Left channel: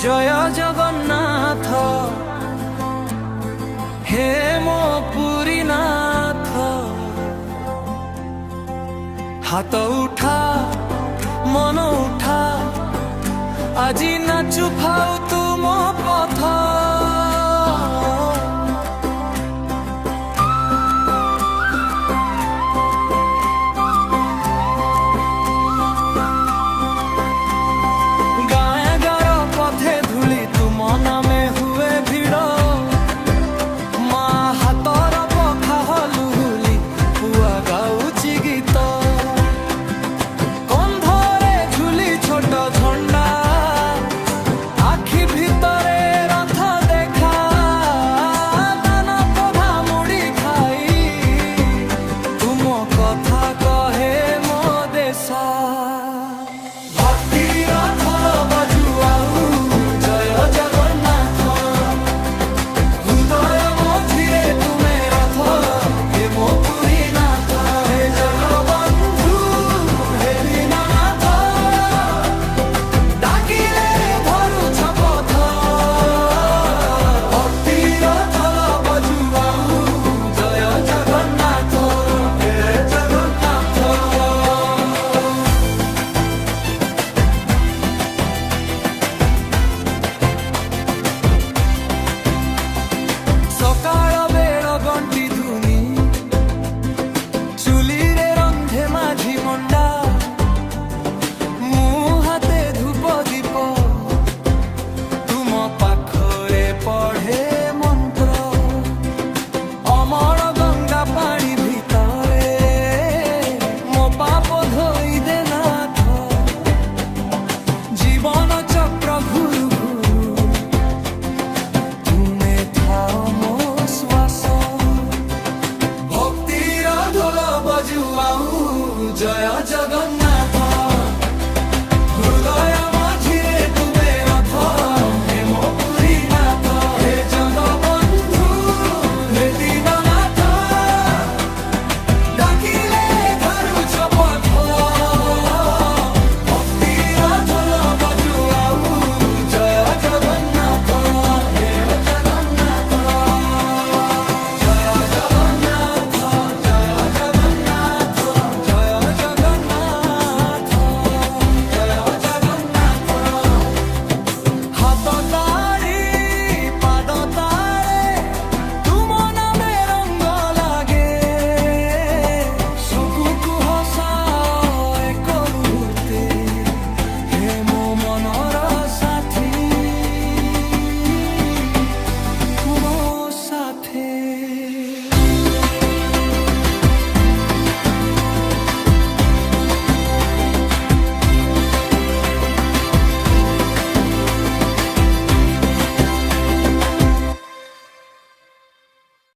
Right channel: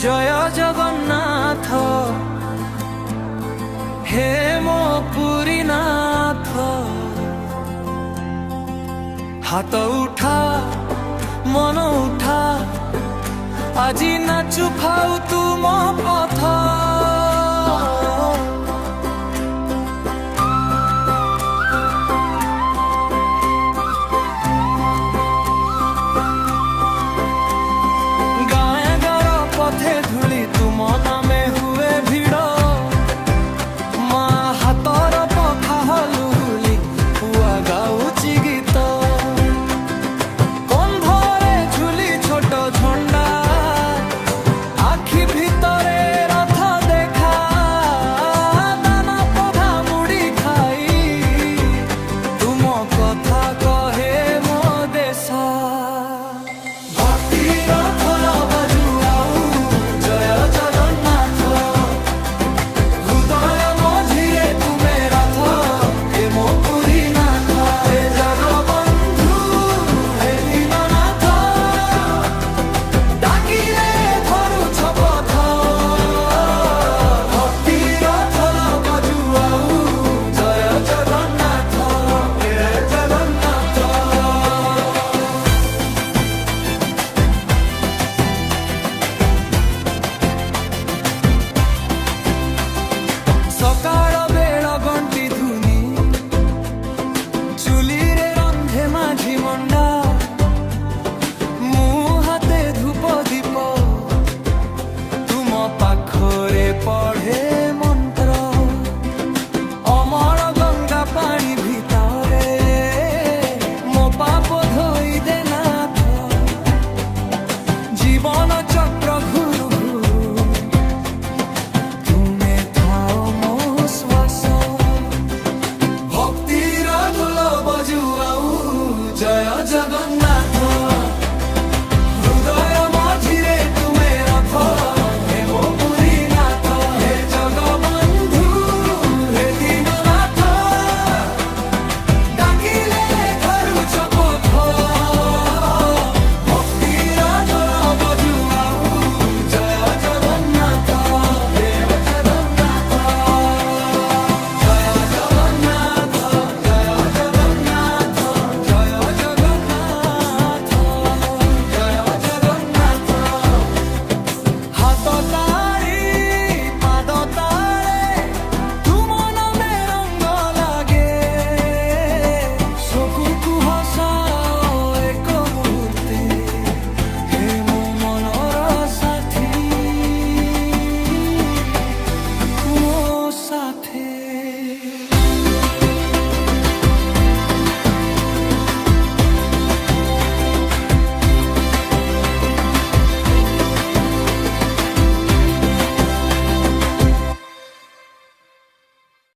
जय जगन्नाथ हे मो पुरीनाथ। हाथ उठा मन उठा আজি नाचु फाउ तुम पथ। गाए गार पथे धूली तुम नामे हुए भिड़। माँ हाथर पखा हलुहुली पुआ गाउची गीत। कंधरे झुली छोट झंडा आखि भितरे रथ देखा। दाना पधा मुड़ी खाई तुम कथा कहे मो देशा। भक्तिर थल बजुआऊ जय जगन्नाथ। हृदय मझिरे तुमे रथ हे मो पुरीनाथ। हे जगबंधु हे दीननाथ डाकिले धरुछ पथ। भक्तिर थल बजुआऊ जय जगन्नाथ हे जगन्नाथ। सकाळ बेळ घंटी धुनी चुली रे रंधे माझी मंडा। मु हाते धूप दीप तुम पाखरे पढ़े मंत्र। अमर गंगा पानी भितरे मो पाप धोई दे नाथ। जीवन चक्र घुरु घुरु तुमे थाओ मो श्वास। भक्तिर ढोल बजुआऊ जय जगन्नाथ। हृदय मझिरे तुमे रथ हे मो पुरीनाथ। हे जगबंधु हे दीननाथ डाकिले धरुछ पथ। भक्तिर ढोल बजुआऊ जय जगन्नाथ हे जगन्नाथ। जय जगन्नाथ जय जगन्नाथ जय जगन्नाथ जय जगन्नाथ। हाथ ताड़ी पाद ताड़े तुम नामे रंग लागे। शोकु हसाओ एक मुहूर्ते हे मो मनर साथी मो साथे।